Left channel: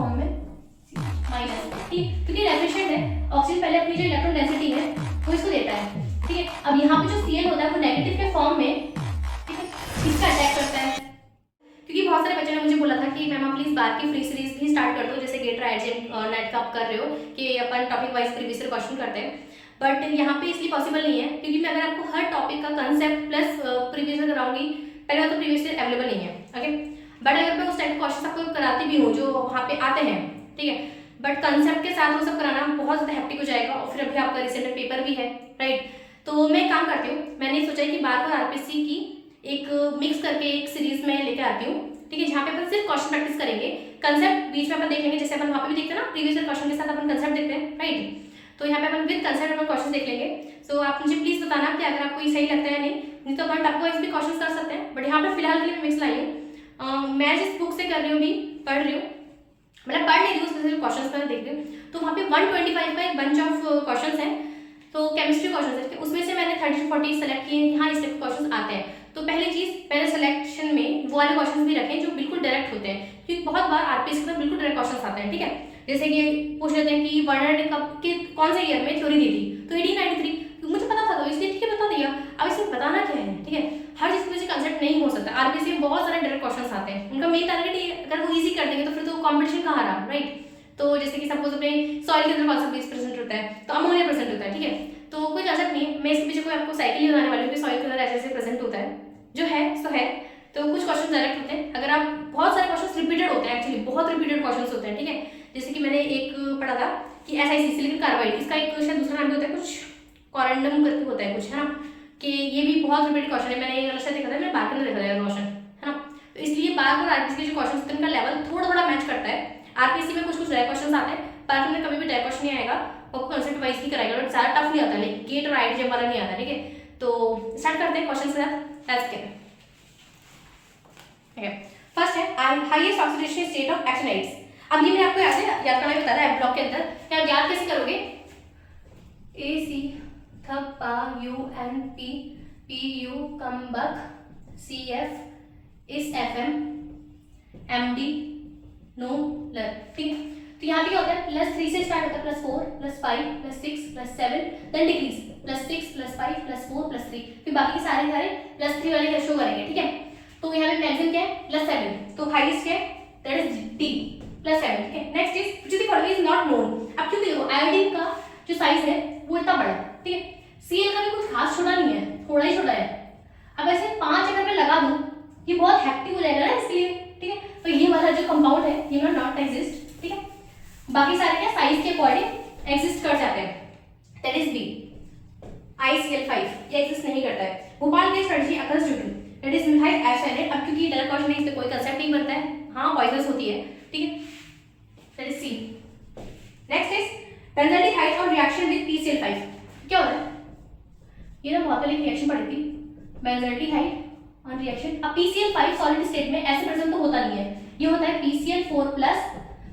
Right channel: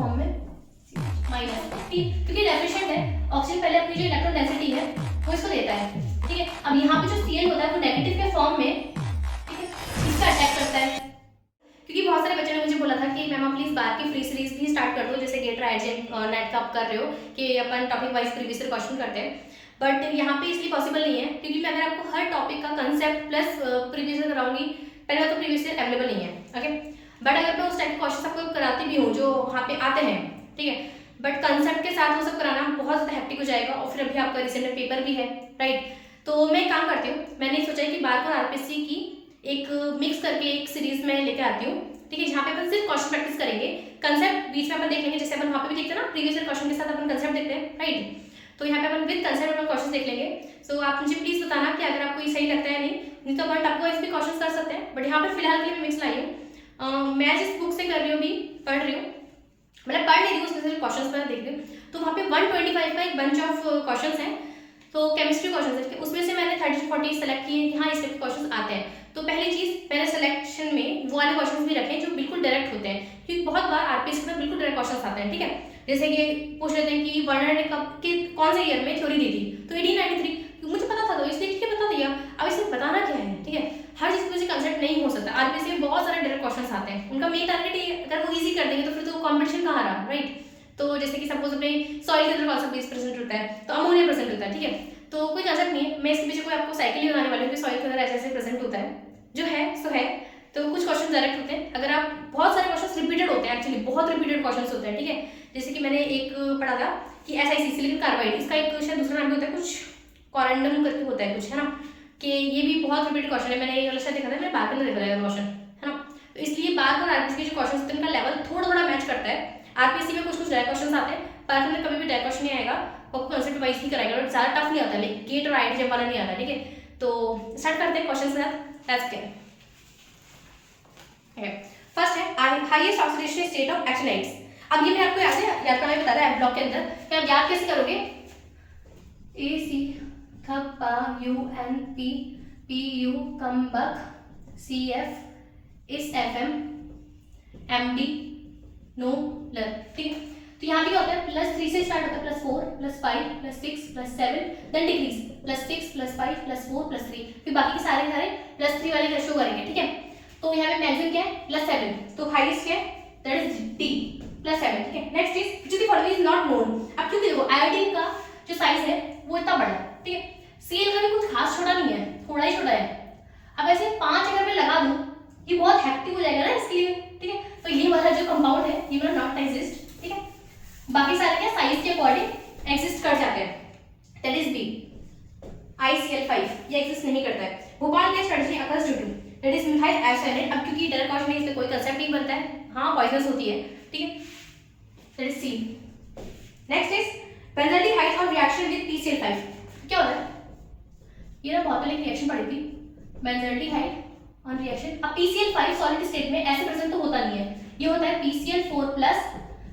Form में minus, ठीक, क्योंकि रेफ्रिजरेंट है, ऑक्सीजन पहले अपनी जो इलेक्ट्रॉन डेंसिटी है वो इसको देता है, ठीक है। अब यहाँ पे जो Cl होता है वो नेगेटिव के फॉर्म में, ठीक है, इसका अटैक करता है। क्योंकि बहुत सारे बच्चों ने मुझे बोला था कि मैम आप प्लीज बार की फ्री सीरीज भी स्टार्ट कर दो, जैसे गेट राइट और नेट का आप कर रहे हो कि अपन topic wise previous year question करते हैं, बट यहाँ पे इसलिए पॉसिबल नहीं है क्योंकि मैं अगर आपको हर टॉपिक का कंसेप्ट प्लस प्रीवियस ईयर कराऊंगी, पहले तो प्रीवियस ईयर अवेलेबल नहीं है, ओके। बट अगर मैं उस टाइप के क्वेश्चन आपको कराती भी हूँ जो वहाँ पे आते हैं, ठीक है, बट कंसेप्ट के साथ वो सब कराना बहुत ज़्यादा हेक्टिक हो जाएगा, और फिर अभी आपका रिसेंट में पेपर भी है, राइट। तो मैं काम करती हूँ, मैंने सोचा है कि बार बार आरपीएससी की एक मिक्स करके एक सीरीज में लेके आती हूँ, ठीक है, जहाँ पे अपन सिर्फ क्वेश्चन प्रैक्टिस करेंगे, कंसेप्ट बीच में अपन देख लेंगे, जैसे अपन वहाँ पे भी देखते हैं ना प्रीवियस ईयर क्वेश्चन के साथ अपन कंसेप्ट देखते हैं, राइट। तो यहाँ पे अपन विद कंसेप्ट अपन क्वेश्चन देख लेंगे। सो आप मुझे प्लीज बताना कि अगर आपको ये सही लगता है नहीं तो अपन टॉपिक वाइज भी क्वेश्चन कर सकते हैं, बट यहाँ पे फिलहाल के लिए मैं मिक्स लाई हूँ। मैं जिस बुक से कर रही हूँ भी पढ़ रही हूँ, मतलब पढ़ नहीं रही हूँ, उसमें क्वेश्चन मैं देख रही हूँ, तो वहाँ पे 125 का एक बंच ऑफ क्वेश्चन है, तो केमिस्ट्री क्वेश्चन है, उसमें से मैंने 30-40 सेलेक्ट किए हैं कि हाँ इस टाइप के क्वेश्चन आते हैं। तो पहली चीज मैंने सिलेक्शन में वो वाले क्वेश्चंस भी रखे हैं जो बिल्कुल डायरेक्ट होते हैं, क्योंकि बहुत बार आरपीएससी में बिल्कुल डायरेक्ट क्वेश्चंस आते हैं, ठीक है। जैसे कि पूछ लेते हैं कि वर्नर ने कब के कौन से ईयर में थ्योरी दी थी, तो 1893, मुझे पता था तो इसलिए ठीक है बता दिया। अब इसमें बताना क्या है, ठीक है, हर चीज की कंसेप्ट नहीं हो सकता, आरपीएससी में बहुत सारे डायरेक्ट क्वेश्चंस आते हैं, उनका मेन टारगेट ये अगर वो इजी कर देंगे तो फिर तो कॉम्पिटिशन कहाँ रहा, राइट। तो जैसे कि सपोज अपने सॉइल के अंदर कौन सा 20% होता है, तो अमोनिया परसेंट होता है, ठीक है, तो कोई कंसेप्ट नहीं है। मैं इसके पीछे कोई आपको साइकिल ही बताने वाली हूँ कि सॉइल के अंदर ऐसे ऐसे प्रेजेंट होता है, जो है सो है। तो कुछ क्वेश्चन डायरेक्ट होते हैं, अगर आप बहुत सारे क्वेश्चन रिपीटेड होते हैं, एक्चुअली बहुत रिपीटेड क्वेश्चन होते हैं, ठीक है। जैसे कि मैंने एक पढ़ा था कि SiC सिलिकॉन कार्बाइड, इसका एक शायद दूसरा नाम भी होता है, कुछ कॉरेंडम करके होता है कुछ, है ना, कि ये भी बहुत रिपीटेड क्वेश्चन है। मैंने एक अलग से देखा था, मैंने बार के अंदर देखा था क्वेश्चन, है ना। तो इसलिए बार और आरपीएससी के जो क्वेश्चन होते हैं उनका लेवल थोड़ा थोड़ा मैच करता है। आरपीएससी में कुछ कुछ डायरेक्ट क्वेश्चन आते हैं, बार के अंदर कभी भी डायरेक्ट क्वेश्चन नहीं आएगा, आपको कंसेप्ट वाइज ही कराएगा, और ज़्यादा टफ नहीं आता, लाइक गेट और आइडिया वाला नहीं आता, ठीक है। तो स्टार्ट करते हैं क्वेश्चन के साथ, लेट्स गेट। फर्स्ट है highest oxidation state of actinides. अब ये मैं आपको याद है, याद करना बता रहा है ब्लॉक के अंदर, क्या याद कैसे करोगे, AC थप्पा UNP PU कम्बक CF इस FM MD नो लर, ठीक। तो यहाँ पे क्या होता है, +3 से स्टार्ट होता है, +4 +5 +6 +7, देन डिक्रीज +6 +5 +4 +3, फिर बाकी के सारे +3 वाले शो करेंगे, ठीक है। तो यहाँ पे मैक्सिमम क्या है +7, तो हाईएस्ट क्या है दैट इज D +7, ठीक है। Next is which of the following is not known. अब क्योंकि देखो आयोडीन का जो साइज है वो इतना बड़ा है, ठीक है, Cl का भी कुछ खास छोटा नहीं है, थोड़ा ही छोटा है। अब ऐसे 5 अगर मैं लगा दूं ये बहुत हेक्टिक हो जाएगा ना इसके लिए, ठीक है। तो ये वाला जो कंपाउंड है ये विल नॉट एग्जिस्ट, ठीक है। बाकी सारे क्या साइज के अकॉर्डिंग एग्जिस्ट कर जाते हैं, दैट इज B ICl5 ये एग्जिस्ट नहीं करता है। भोपाल के strategy occurs due to that is methyl isocyanate. अब क्योंकि डायरेक्ट क्वेश्चन में इस पे कोई कंसेप्ट नहीं बनता है, हाँ पॉइजनस होती है, ठीक है, that is C। Next is benzaldehyde on reaction with PCl5। क्या होता है, ये ना बहुत पहले रिएक्शन पढ़ी थी, बेंजल्डिहाइड ऑन रिएक्शन। अब PCl5 सॉलिड स्टेट में ऐसे प्रेजेंट तो होता नहीं है, ये होता है PCl4 प्लस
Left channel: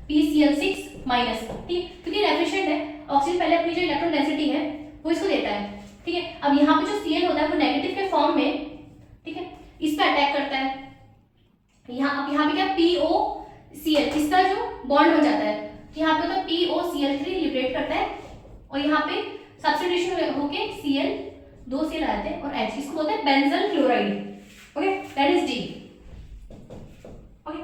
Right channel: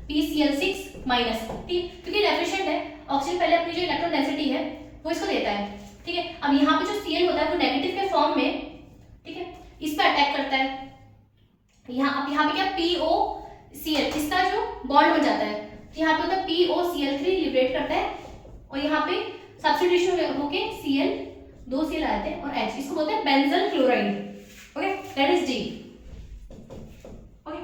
PCl6 माइनस, ठीक, क्योंकि रेफ्रिजरेंट है, ऑक्सीजन पहले अपनी जो इलेक्ट्रॉन डेंसिटी है वो इसको देता है, ठीक है। अब यहाँ पे जो Cl होता है वो नेगेटिव के फॉर्म में, ठीक है, इस पे अटैक करता है। अब यहाँ पे क्या POCl इसका जो बॉन्ड बन जाता है, यहाँ पे होता है POCl3 लिबरेट करता है, और यहाँ पे सब्स्टिट्यूशन होके Cl 2 Cl आते हैं और H, इसको बोलते हैं benzyl chloride, okay, that is D, okay.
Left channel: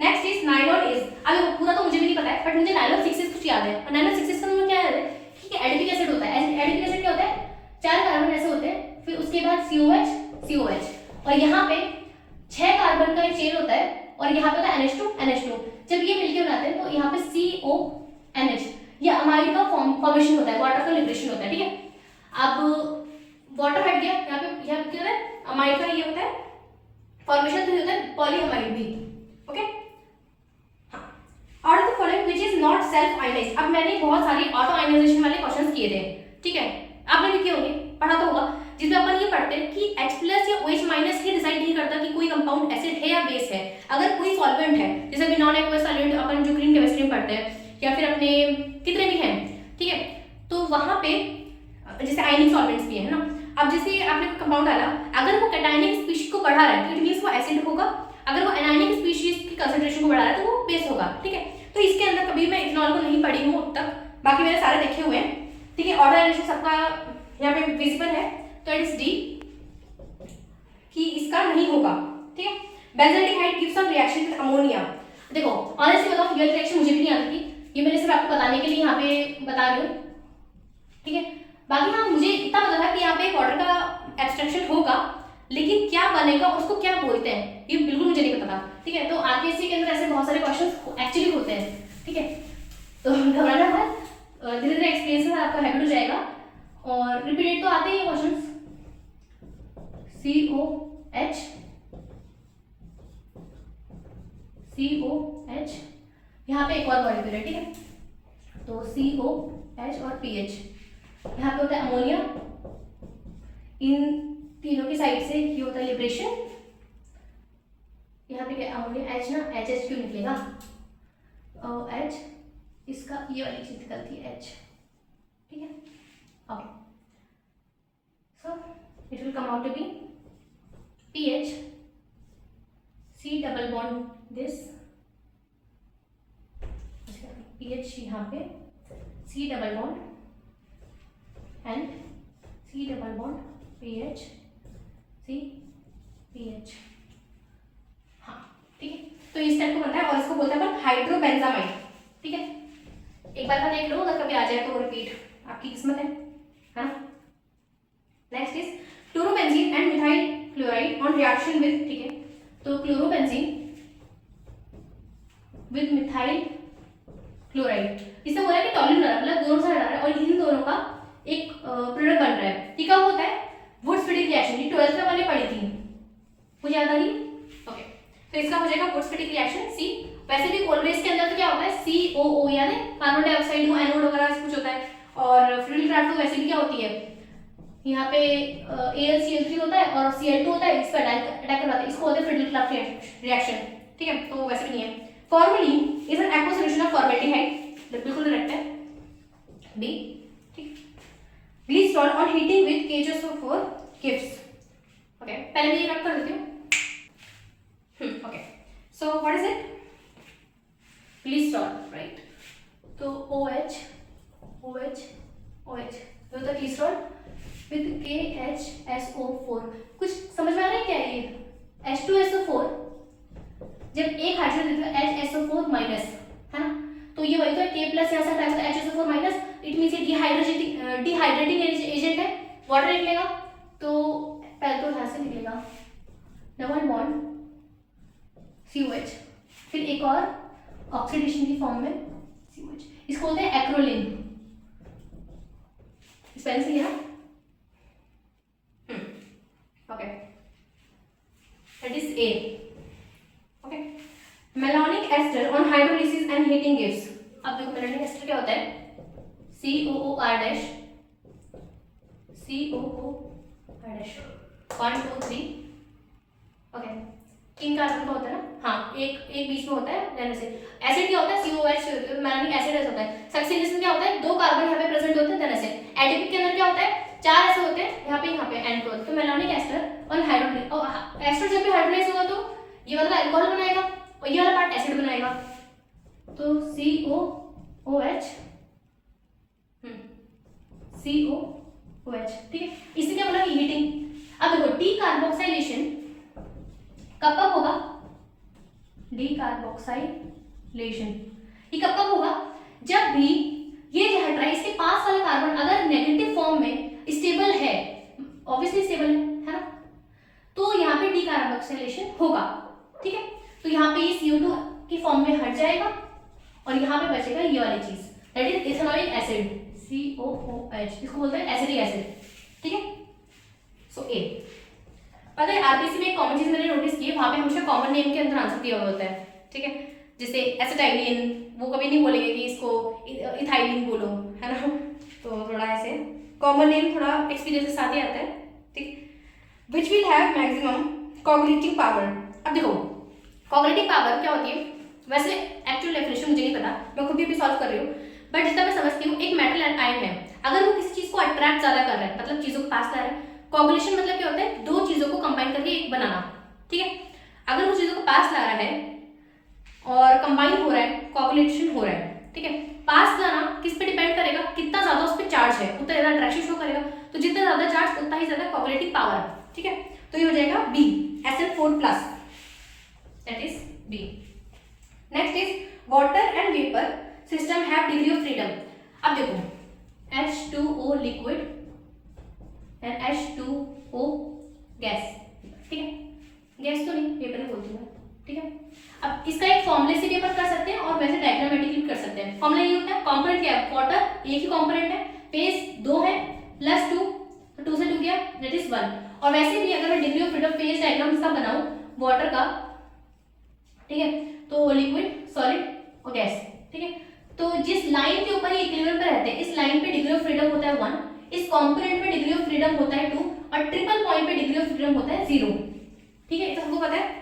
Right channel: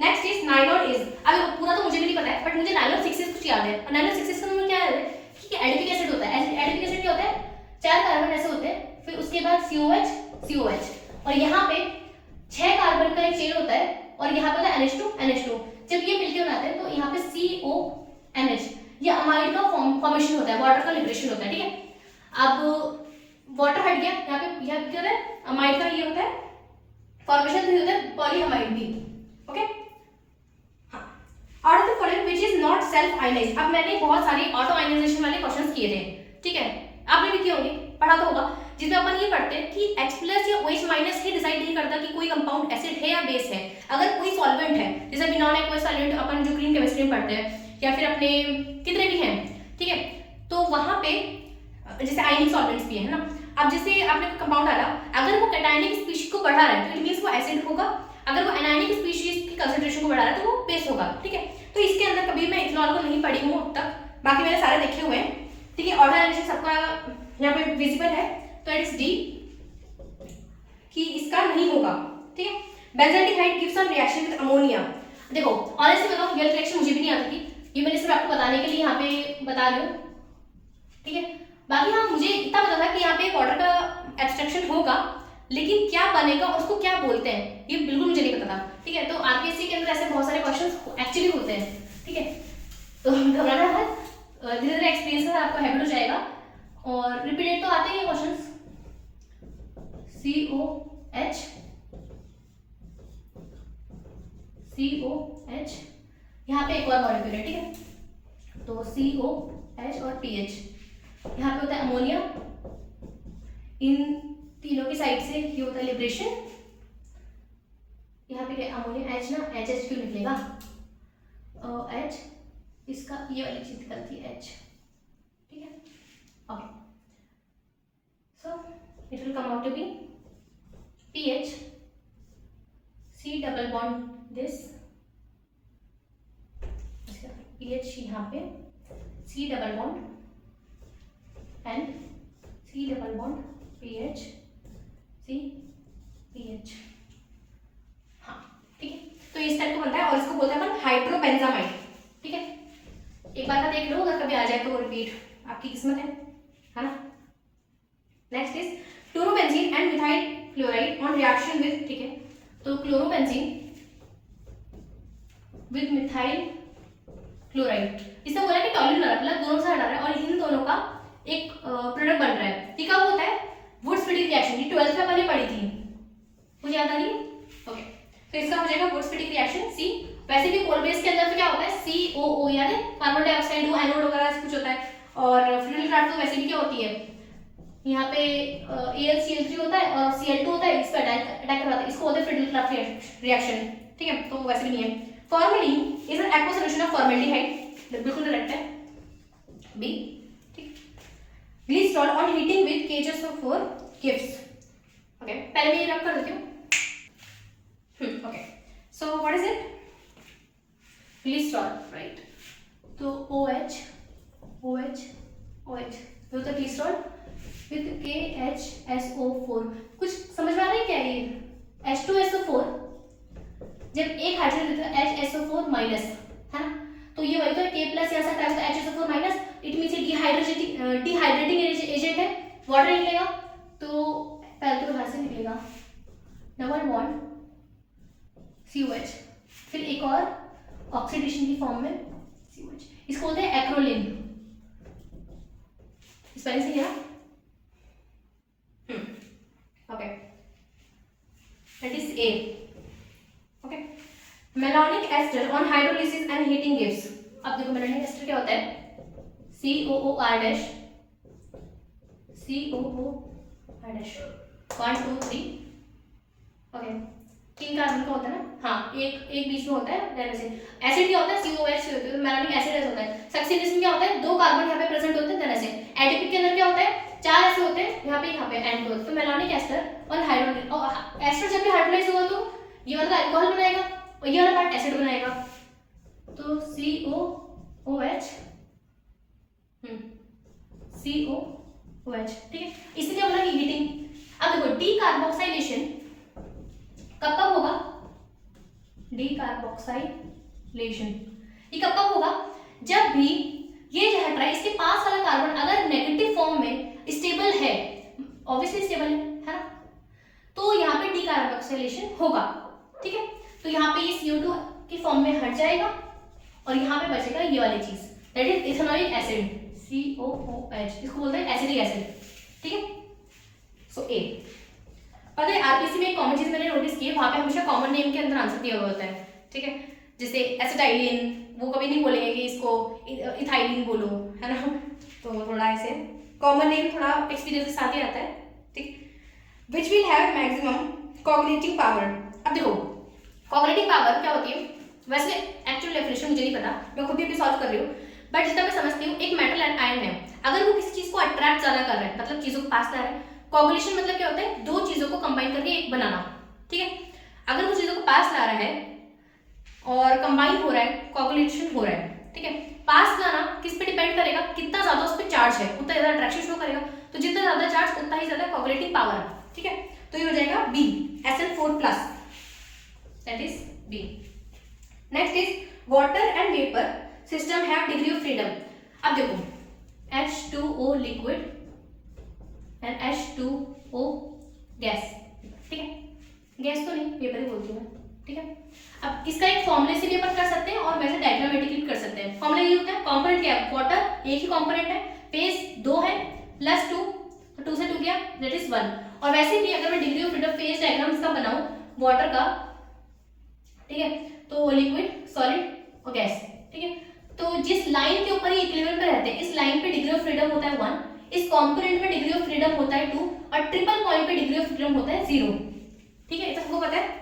Next is nylon is, अब पूरा तो मुझे भी नहीं पता है बट मुझे नाइलॉन 6 कुछ याद है, और नाइलॉन 6 का मतलब क्या याद है कि एडिपिक एसिड होता है। एडिपिक एसिड क्या होता है, 4 कार्बन ऐसे होते हैं, फिर उसके बाद COH, और यहाँ पे 6 कार्बन का एक चेन होता है, और यहाँ पे होता है NH2। जब ये मिलके बनाते हैं तो यहाँ पे CONH, ये अमाइड का फॉर्मेशन होता है, वाटर का लिबरेशन होता है, ठीक है। अब वाटर हट गया, यहाँ पे क्या होता है अमाइड का ये होता है फॉर्मेशन, तो होता है पॉलीअमाइड भी, ओके। हाँ, out of the following which is not self ionize. अब मैंने बहुत सारे ऑटो आयनाइजेशन वाले क्वेश्चंस किए थे, ठीक है, आपने लिखे होंगे, पढ़ा तो होगा, जिसमें अपन ये पढ़ते हैं कि H+ या OH- ही डिसाइड नहीं करता कि कोई कंपाउंड एसिड है या बेस है। अगर कोई सॉल्वेंट है, जैसे कि नॉन एक्वस सॉल्वेंट अपन जो ग्रीन केमिस्ट्री में पढ़ते हैं, या फिर अपने कितने भी हैं, ठीक है, तो वहां पे जैसे आयनिक सॉल्वेंट्स भी है ना। अब जैसे आपने कंपाउंड डाला, अगर वो कैटायनिक स्पीशीज को बढ़ा रहा है तो इट मींस वो एसिड होगा, अगर वो एनायनिक स्पीशीज की कंसंट्रेशन को बढ़ा रहा है तो वो बेस होगा, ठीक है। तो इसके अंदर कभी मैं इथेनॉल को नहीं पढ़ी हूँ अब तक, बाकी मैंने सारे देखे हुए हैं, ठीक है। ऑर्डर एनालिसिस सबका यहाँ पे विजिबल है, तो इट इज डी कि इसका नहीं होगा, ठीक है। Benzaldehyde gives on reaction with ammonia. देखो ऑनेस्टली बताओ ये रिएक्शन मुझे भी नहीं आती थी, ये मैंने सिर्फ आपको बताने के लिए यहाँ पे बता रही हूँ, ठीक है। बाकी हाँ मुझे इतना पता था कि यहाँ पे वाटर का एब्स्ट्रक्शन होगा, लेकिन क्या बनेगा और उसको क्या बोलते हैं ये बिल्कुल मुझे नहीं पता था, ठीक है। तो आरपीएससी के अंदर ऐसे बहुत सारे क्वेश्चंस एक्चुअली होते हैं, ठीक है। तो घबराना मत, धीरे धीरे एक्सपीरियंस से आपको हैबिट हो जाएगा, और रिपीटेड तो आते ही है क्वेश्चंस। COH COH, यहाँ पे एक और मॉलिक्यूल है, ठीक है। तो COH और PH, यहाँ पे होता है अमोनिया, इन तीनों की साइड से ये होता है लिबरेशन। यहाँ पे क्या अमोनिया H ना, HH क्यों निकलेगा, H इसका ये वाली चीज निकलती है H, ठीक है। Okay, so it will come out to be PH C double bond this, PH यहाँ पे C double bond and C double bond PH C PH, हाँ ठीक है। तो इस टाइप को बनता है और इसको बोलते हैं अपन हाइड्रोबेंजामाइड, ठीक है। एक बार का देख लो, अगर कभी आ जाए तो रिपीट, आपकी किस्मत है ना। Next is chlorobenzene and methyl fluoride on reaction with, ठीक है। तो क्लोरोबेंजीन विद मिथाइल क्लोराइड, इसमें बोला कि टॉलिन डाला, मतलब दोनों साइड आ रहा है और इन दोनों का एक प्रोडक्ट बन रहा है, ठीक है। वो होता है वुड्स-फिटिक रिएक्शन, ये 12th में अपन ने पढ़ी थी, मुझे याद आ रही है, ओके। तो इसका हो जाएगा वुड्स-फिटिक रिएक्शन C। वैसे भी कोल बेस के अंदर तो क्या होता है COO, याद है, कार्बन डाइऑक्साइड एनोड वगैरह कुछ होता है, और फ्रिडल क्राफ्ट तो वैसे भी क्या होती है, यहाँ पे AlCl3 होता है और Cl2 होता है, इस पर अटैक करवाता है, इसको बोलते हैं फ्रिडल क्राफ्ट रिएक्शन, ठीक है। तो वैसे भी नहीं है। Formalin is an aqua solution of formaldehyde, बिल्कुल करेक्ट है बी, ठीक। Glycerol on heating with KHSO4 gives, okay. पहले मैं ये रब कर देती हूँ, okay. So what is it, glycerol, right. तो OH OH OH ये होता है ग्लिसरॉल विद KHSO4। कुछ समझ में आ रहा है क्या ये, H2SO4 जब एक हाइड्रोजन देता है HSO4 माइनस, है ना, तो ये वही तो है K प्लस यहाँ से हटाया है HSO4 माइनस, इट मींस ये डिहाइड्रेटिंग एजेंट है, वाटर निकलेगा, तो पहले तो यहाँ से निकलेगा डबल बॉन्ड COH, फिर एक और ऑक्सीडेशन की फॉर्म में COH, इसको बोलते हैं एक्रोलिन, स्पेलिंग सही है, okay, that is A, okay. Malonic ester on hydrolysis and heating gives. अब देखो मेलानिक एस्टर क्या होता है, COOR dash, COOR dash 1 2 3, okay. 3 carbon का होता है ना, हाँ, एक बीच में होता है, देन से एसिड क्या होता है COH, मेलानिक एसिड होता है। सक्सीडेशन में क्या होता है, 2 कार्बन यहाँ पे प्रेजेंट होते हैं, देन ऐसे एटीपी के अंदर क्या होता है, 4 ऐसे होते हैं, यहाँ पे एंड पे होते हैं। तो मेलानिक एस्टर और हाइड्रोलिस, और एस्टर जब भी हाइड्रोलाइज होगा तो ये वाला अल्कोहल बनाएगा और ये वाला पार्ट एसिड बनाएगा, तो COOH COOH, ठीक है। इससे क्या बोला कि हीटिंग। अब देखो डी कार्बोक्साइलेशन कब होगा, डी कार्बोक्साइलेशन ये कब होगा, जब भी ये जो है इसके पास वाला कार्बन अगर नेगेटिव फॉर्म में स्टेबल है, ऑब्वियसली स्टेबल है ना, तो यहाँ पे डी कार्बोक्साइलेशन होगा, ठीक है। तो यहाँ पे ये CO2 की फॉर्म में हट जाएगा और यहाँ पे बचेगा ये वाली चीज, that is ethanoic acid COOH, इसको बोलते हैं एसिडिक एसिड, ठीक है। सो A। पता है आरपीसी में एक कॉमन चीज मैंने नोटिस की है, वहां पे हमेशा कॉमन नेम के अंदर आंसर दिया हुआ होता है, ठीक है। जैसे एसिटाइलिन, वो कभी नहीं बोलेंगे कि इसको इथाइलिन बोलो, है ना, तो थोड़ा ऐसे कॉमन नेम थोड़ा एक्सपीरियंस के साथ ही आता है, ठीक। Which will have maximum cognitive power. अब देखो कॉग्निटिव पावर क्या होती है, वैसे एक्चुअल डेफिनेशन मुझे नहीं पता, मैं खुद भी अभी सॉल्व कर रही हूँ, बट जितना मैं समझती हूँ एक मेटल एंड आयन है, अगर वो किसी चीज को अट्रैक्ट ज्यादा कर रहा है, मतलब चीजों को पास कर रहा है, कोगुलेशन मतलब क्या होता है, 2 चीजों को कंबाइन करके एक बनाना, ठीक है। अगर वो चीज़ों को पास ला रहा है और कंबाइन हो रहा है, कोगुलेशन हो रहा है, ठीक है, पास लाना किस पे डिपेंड करेगा, कितना ज्यादा उस पर चार्ज है उतना ज्यादा अट्रैक्शन शो करेगा, तो जितना ज्यादा चार्ज उतना ही ज्यादा कोगुलेटिंग पावर, ठीक है। तो ये हो जाएगा B, Sn4+, that is B. Next is water and vapour system have degree of freedom. अब देखो H2O liquid and H2O gas, ठीक है, गैस तो नहीं, वेपर ही बोलती हूँ, ठीक है। अब इसका एक फॉर्मूले से भी अपन कर सकते हैं और वैसे डायग्रामेटिकली कर सकते हैं। फॉर्मूला ये होता है, कंपोनेंट क्या है, वाटर एक ही कंपोनेंट है, फेज 2 है प्लस 2, तो 2 से 2 गया, दैट इज 1। और वैसे भी अगर मैं degree of freedom phase diagram इसका बनाऊं वाटर का, ठीक है, तो लिक्विड, सॉलिड और गैस, ठीक है, तो जिस लाइन के ऊपर ये इक्विलिब्रियम पे रहते हैं, इस लाइन पे डिग्री ऑफ फ्रीडम होता है 1, इस कंपोनेंट में डिग्री ऑफ फ्रीडम होता है 2 और ट्रिपल पॉइंट पे डिग्री ऑफ फ्रीडम होता है 0, ठीक है, ये तो सबको पता है।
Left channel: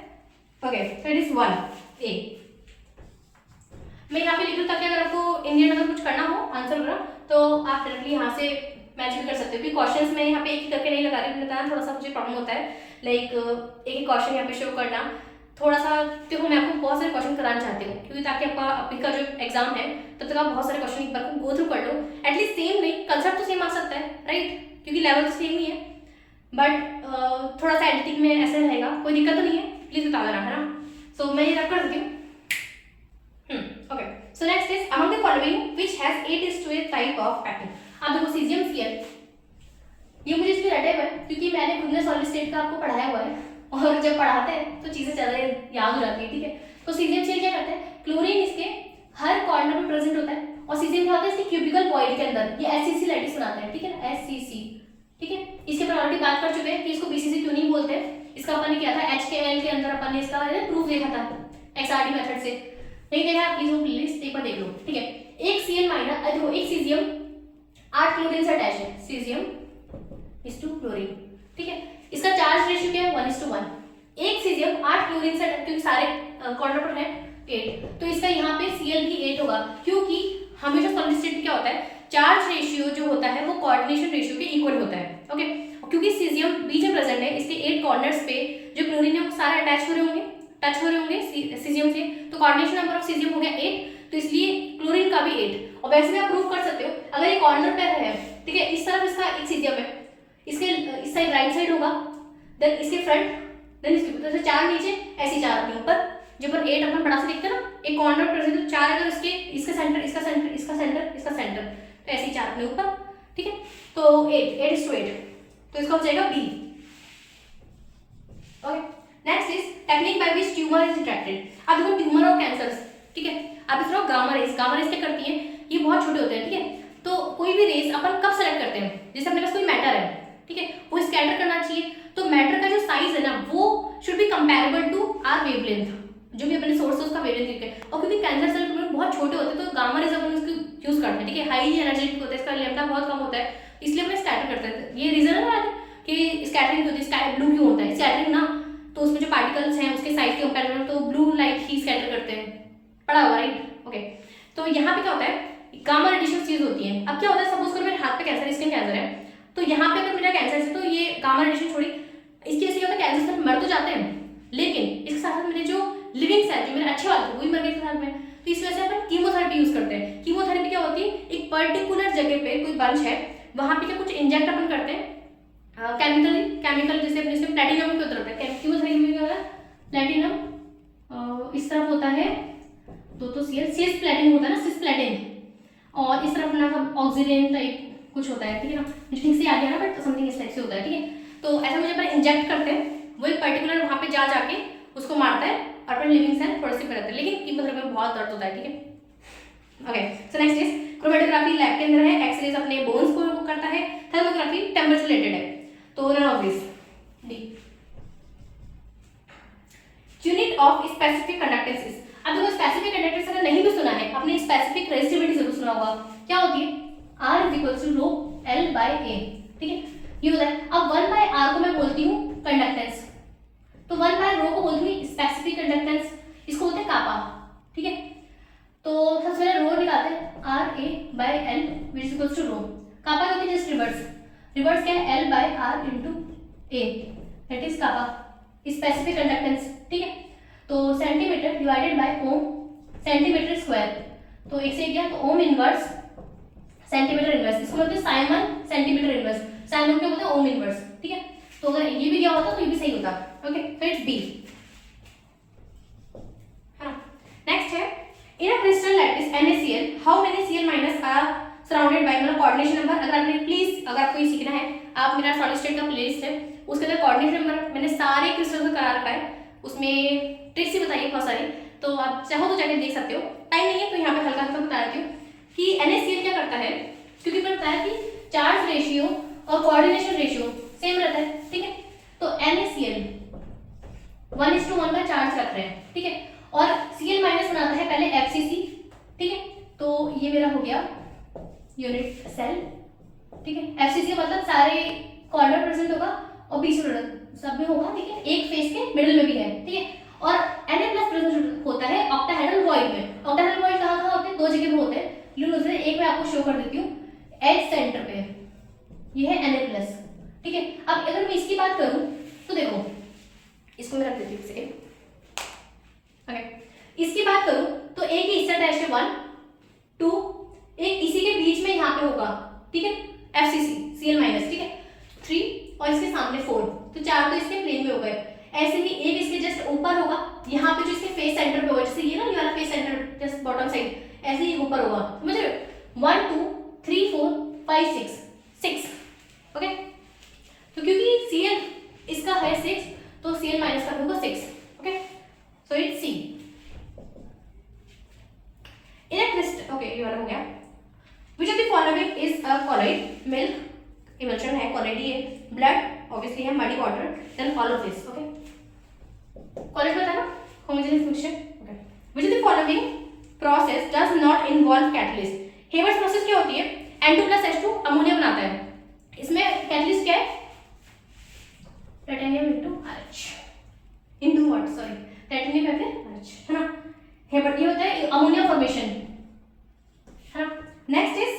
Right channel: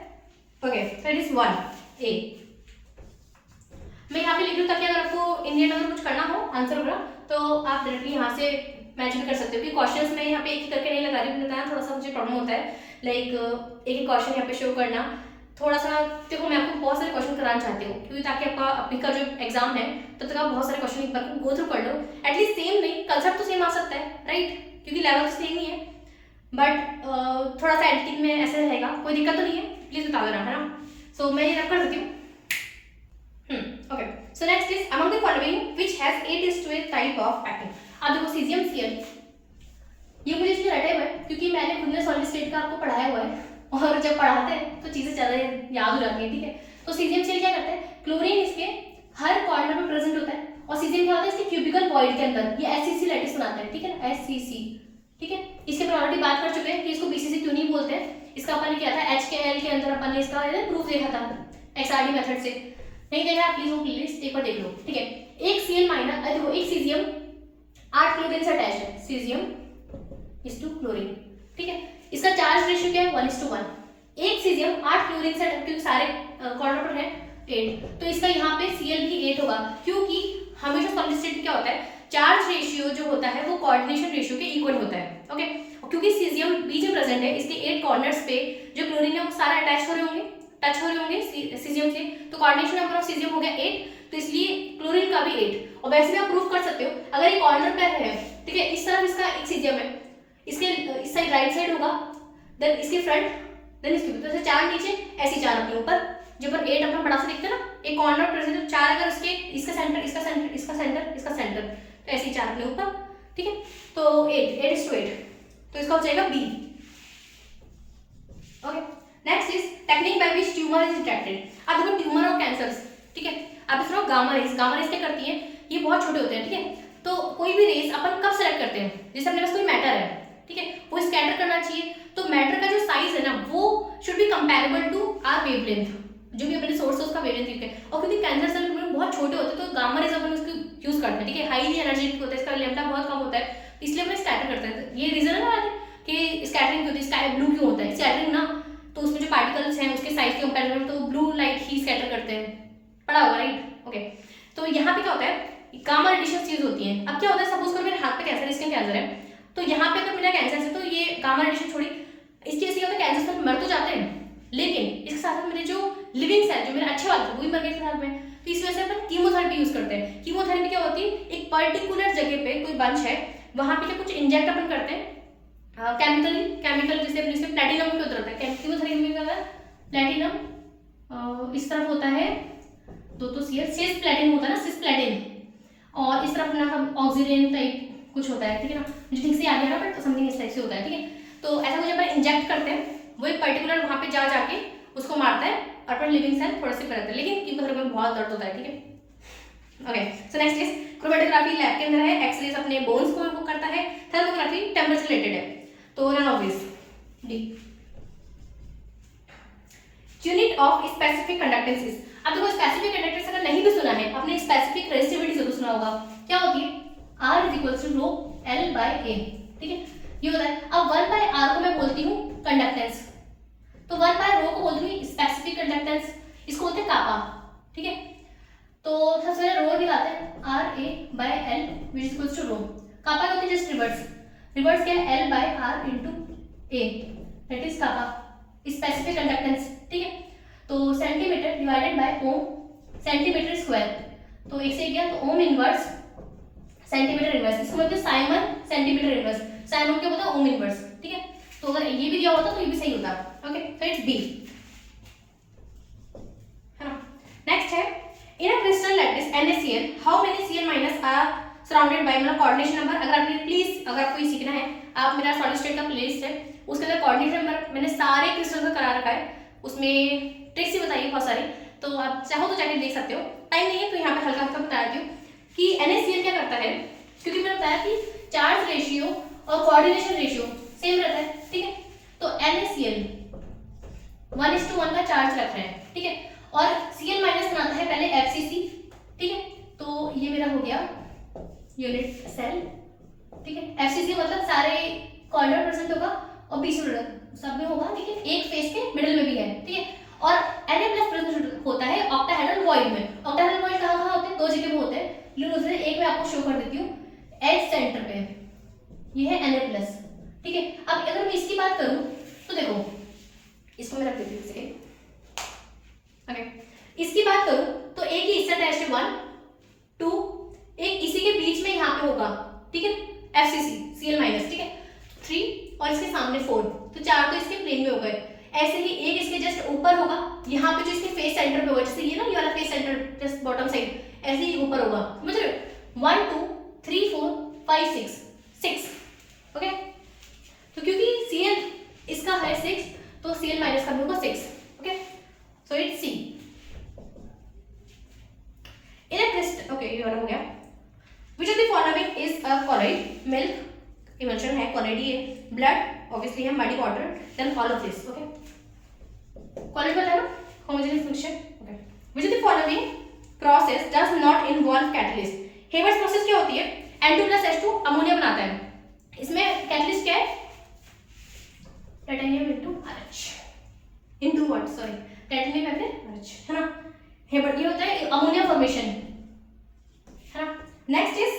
ओके, सो इट इज 1 ए। मैं यहाँ पे लिख लूँ ताकि अगर आपको इंडियन अगर कुछ करना हो आंसर वगैरह तो आप डायरेक्टली यहाँ से मैच भी कर सकते हो, क्योंकि क्वेश्चंस में यहाँ पे एक ही करके नहीं लगा रही, बताया थोड़ा सा मुझे प्रॉब्लम होता है, लाइक एक ही क्वेश्चन यहाँ पे शो करना थोड़ा सा। देखो मैं आपको बहुत सारे क्वेश्चन कराना चाहती हूँ, क्योंकि ताकि आपका अभी का जो एग्जाम है तब तक आप बहुत सारे क्वेश्चन एक बार गो थ्रू कर लो, एटलीस्ट सेम नहीं, कंसेप्ट तो सेम आ सकता है, राइट, क्योंकि लेवल तो सेम ही है, बट थोड़ा सा एडिटिंग में ऐसा रहेगा, कोई दिक्कत तो नहीं है, प्लीज बता देना, है ना। सो मैं ये रख कर देती हूँ। Okay, so next is among the following which has 8:8 type of packing. अब देखो सीजियम सीएल, ये मुझे इसलिए रटे हुए हैं क्योंकि मैंने खुद ने सॉलिड स्टेट का आपको पढ़ाया हुआ है, और जब पढ़ाते हैं तो चीजें ज्यादा याद हो जाती है, ठीक है। तो सीजियम सीएल क्या करता है, क्लोरीन इसके हर कॉर्नर में प्रेजेंट होता है, और सीजियम क्या होता है, इसके क्यूबिकल वॉइड के अंदर ये एससीसी लैटिस बनाता है, ठीक है ना, एससीसी, ठीक है। इसके पर ऑलरेडी बात कर चुके हैं कि इसको बीसीसी क्यों नहीं बोलते हैं, इसका अपन ने किया था HKL के अंदर, अपन ने इसका प्रूफ देखा था XRD मेथड से, नहीं देखा प्लीज वो प्लेलिस्ट एक बार देख लो, ठीक है। एक Cl माइनस, देखो एक सीजियम 8 क्लोरीन से अटैच है, सीजियम इज टू क्लोरीन, ठीक है, इसका चार्ज रेशियो क्या है 1:1, एक सीजियम 8 क्लोरीन से, क्योंकि सारे कॉर्नर पर है 8, तो इसका यहाँ पे Cl भी 8 होगा, क्योंकि हमेशा सॉलिड स्टेट क्या होता है, चार्ज रेशियो जो होता है वो कोऑर्डिनेशन रेशियो के इक्वल होता है, ओके। क्योंकि सीजियम बीच में प्रेजेंट है, इसके 8 कॉर्नर्स पे जो क्लोरीन है वो सारे अटैच हो रहे होंगे, टच हो रहे होंगे सीजियम से, तो कोऑर्डिनेशन नंबर ऑफ सीजियम हो गया 8, तो इसलिए क्लोरीन का भी 8। और वैसे भी आप प्रूव कर सकते हो, अगर ये कॉर्नर पे है, ठीक है, इस तरफ इसका एक सीजियम है, इसके इस साइड राइट साइड होगा, देन इसके फ्रंट, देन इसके ऊपर से 4 नीचे, ऐसे 4 अपने ऊपर, जो पर 8 अपन बड़ा से देखते हैं ना, एक कॉर्नर प्रेजेंट है, 4 अगर उसके, इसका सेंटर, इसका सेंटर, इसका सेंटर, इसका सेंटर, तो ऐसे 4 अपने ऊपर, ठीक है। तो 8:8, तो इसका हो जाएगा B, okay. Next is technique by which tumour is detected. अब देखो ट्यूमर और कैंसर्स, ठीक है, अब इस तरह गामा रेज क्या करती है, ये बहुत छोटे होते हैं, ठीक है, तो कोई भी रेज अपन कब सेलेक्ट करते हैं, जैसे अपने पास कोई मैटर है, ठीक है, वो स्कैटर करना चाहिए, तो मैटर का जो साइज है ना वो should be comparable to our wavelength, जो भी अपने सोर्स है उसका वेवलेंथ है, और क्योंकि कैंसर सेल बहुत छोटे होते हैं तो गामा रेज अपन उसको यूज करते हैं, ठीक है, हाईली एनर्जेटिक होता है, इसका लैम्डा बहुत कम होता है, इसलिए अपन स्कैटर करते हैं। ये रीजन है ना कि स्कैटरिंग होती है, स्काई ब्लू क्यों होता है, स्कैटरिंग ना, तो उसमें जो पार्टिकल्स हैं उसके साइज के कंपैरिजन में तो ब्लू लाइट ही स्कैटर करते हैं, पढ़ा होगा, राइट, ओके। तो यहाँ पे क्या होता है, गामा रेडिएशन चीज होती है। अब क्या होता है, सपोज करो मेरे हाथ पे कैंसर, इसके कैंसर है, तो यहाँ पे अगर मेरा कैंसर है तो ये गामा रेडिएशन छोड़ी, इसकी ऐसे क्या होता है, कैंसर सेल मर तो जाते हैं, लेकिन इसके साथ साथ मेरे जो लिविंग सेल जो मेरे अच्छे वाले थे वो भी मर गए थे साथ में, तो इस वजह से अपन कीमोथेरेपी यूज करते हैं। कीमोथेरेपी क्या होती है, एक पर्टिकुलर जगह पे कोई बंच है, वहां पे क्या कुछ इंजेक्ट अपन करते हैं केमिकल, जैसे अपने से प्लैटिनम की तरफ है, कीमोथेरेपी में क्या होता है, प्लैटिनम इस तरफ होता है, तो सिस प्लैटिन होता है ना, सिस प्लैटिन, और इस तरफ अपना ऑक्सीजन टाइप कुछ होता है, ठीक है ना, मुझे ठीक से याद नहीं आ रहा बट समथिंग इस टाइप से होता है, ठीक है। तो ऐसा कुछ अपन इंजेक्ट करते हैं, वो एक पर्टिकुलर वहां पे जाके उसको मारता है, और अपन लिविंग सेल थोड़े से रहते हैं, लेकिन कीमोथेरेपी में बहुत दर्द होता है, ठीक है। Okay, so next is chromatography lab के अंदर है, एक्सरेज अपने बोन्स को वो करता है, थर्मोग्राफी टेम्परेचर रिलेटेड है, तो none of this D. Unit of specific conductances. अब देखो स्पेसिफिक कंडक्टेंस अगर नहीं भी सुना है, अपने स्पेसिफिक रेजिस्टिविटी जरूर सुना होगा, क्या होती है, R = ρL/A, ठीक है, ये होता है। अब 1/R को मैं बोलती हूँ कंडक्टेंस, तो 1/ρ को बोलती हूँ स्पेसिफिक कंडक्टेंस, इसको बोलते हैं कापा, ठीक है। तो सबसे पहले रो निकालते हैं, RA/L which is equals to ρ, कापा होती है जस्ट रिवर्स क्या है, L/R × A, that is kappa, specific conductance, ठीक है। तो centimetre divided by ohm centimetre square, तो एक से गया तो ओम इनवर्स सेंटीमीटर इनवर्स, इसको मतलब साइमन सेंटीमीटर इनवर्स, साइमन क्या होता है ओम इनवर्स, ठीक है। तो अगर ये भी दिया होता तो ये भी सही होता, ओके। तो इट्स बी, है ना। नेक्स्ट है in a crystal lattice NaCl how many Cl minus are surrounded by, मतलब कोऑर्डिनेशन नंबर। अगर आपने प्लीज अगर आपको ये सीखना है, आप मेरा सॉलिड स्टेट का प्लेलिस्ट है उसके अंदर कोऑर्डिनेशन नंबर मैंने सारे क्रिस्टल का करा रखा है, उसमें ट्रिक्स ही बताइए बहुत सारी, तो आप चाहो तो जाकर देख सकते हो। टाइम नहीं है तो यहाँ पे हल्का हल्का बता देती हूँ कि NaCl क्या करता है, क्योंकि मैंने बताया कि चार्ज रेशियो और कोऑर्डिनेशन रेशियो सेम रहता है, ठीक है। तो NaCl 1:1 का चार्ज रख रहे हैं, ठीक है। और Cl माइनस बनाता है पहले FCC, ठीक है। तो ये मेरा हो गया यूनिट सेल, ठीक है। FCC मतलब सारे कॉर्नर प्रेजेंट होगा और बीच में सब में होगा, लेकिन एक फेस के मिडिल में भी है, ठीक है। और Na+ प्रेजेंट होता है ऑक्टाहेड्रल वॉइड में। ऑक्टाहेड्रल वॉइड कहाँ कहाँ होते हैं, दो जगह पे होते हैं, लेकिन उसमें एक मैं आपको शो कर देती हूँ एज सेंटर पे, ये है Na+, ठीक है। अब अगर मैं इसकी बात करूँ तो देखो, इसको मैं रख देती हूँ से, ओके। इसकी बात करूँ तो एक ही इससे अटैच्ड है 1 2, एक इसी के बीच में यहाँ पे होगा, ठीक है, FCC Cl-, ठीक है, 3 और इसके सामने 4, तो 4 तो इसके प्लेन में हो गए। ऐसे ही एक इसके जस्ट ऊपर होगा, यहाँ पे जो इसके फेस सेंटर पे होगा, जैसे ये ना ये वाला face centre just bottom side, ऐसे ही ऊपर होगा, समझ रहे हो। 1 2 3 4 5 6, ओके। तो क्योंकि Cl इसका है 6 तो Cl माइनस का भी होगा 6, okay. So it's C। In a crystal, okay ये वाला हो गया। Which of the following is a colloid? Milk emulsion है, colloid ही है, blood obviously है, muddy water, then all of this, okay. Colloid पता है ना, homogeneous mixture, okay. Which of the following process does not involve catalyst? Hayward's process क्या होती है, N2+H2 ammonia बनाता है, इसमें कैटलिस्ट क्या है, titanium into RH, into what, sorry titanium है फिर RH, है ना। हेबर्ट ये होता है अमोनिया फॉर्मेशन, है ना। Next is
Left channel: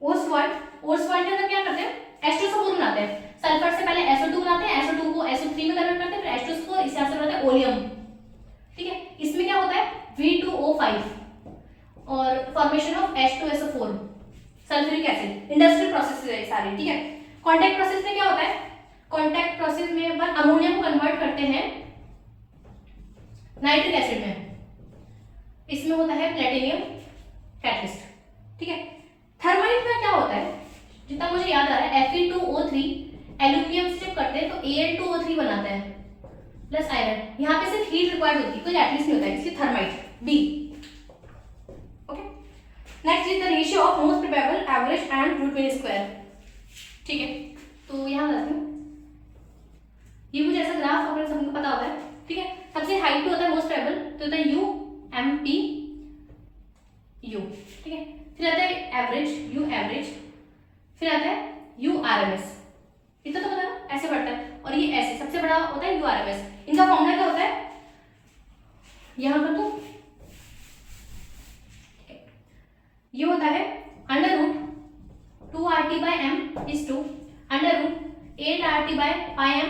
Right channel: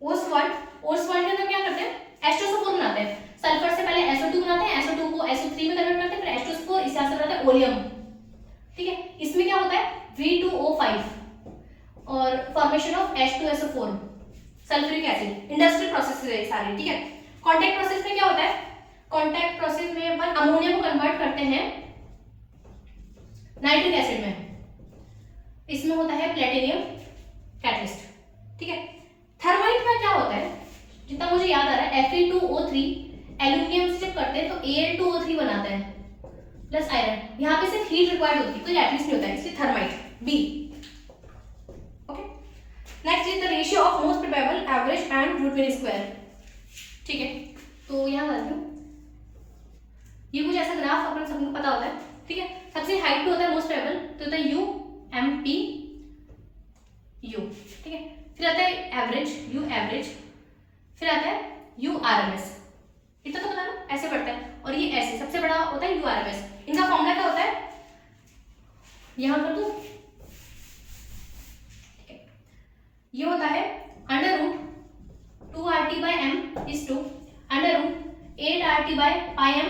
Oswald. ओस्वाल्ड के अंदर क्या करते हैं, H2SO4 बनाते हैं, सल्फर से पहले SO2 बनाते हैं, SO2 को SO3 में कन्वर्ट करते हैं, फिर H2SO4 इस तरह से बनाते हैं ओलियम, ठीक है। इसमें क्या होता है V2O5 और formation of H2SO4 sulphuric acid, industrial process है सारी, ठीक है। कांटेक्ट प्रोसेस में क्या होता है, कांटेक्ट प्रोसेस में अपन अमोनिया को कन्वर्ट करते हैं नाइट्रिक एसिड में, इसमें होता है प्लेटिनियम कैटलिस्ट, ठीक है। थर्माइट में क्या होता है, जितना मुझे याद आ रहा है Fe2O3 एल्यूमिनियम से जब करते हैं तो Al2O3 बनाता है प्लस आयरन, यहाँ पे सिर्फ हीट रिक्वायर्ड होती है, कोई कैटलिस्ट नहीं होता है, इसलिए thermite B, okay. Next is the ratio of most probable average and root mean square, ठीक है। तो यहाँ बताती हूँ, ये कुछ ऐसा ग्राफ अपन सबको पता होता है, ठीक है। सबसे हाइट पे होता है मोस्ट प्रोबेबल, तो होता है UMP U, ठीक है। फिर आता है एवरेज U एवरेज, फिर आता है URMS, इतना तो पता ना, ऐसे बढ़ता है, और ये ऐसे सबसे बड़ा होता है URMS। इनका फॉर्मूला क्या होता है, यहां कर दो, ठीक है। ये होता है √2RT/m is to √8RT/m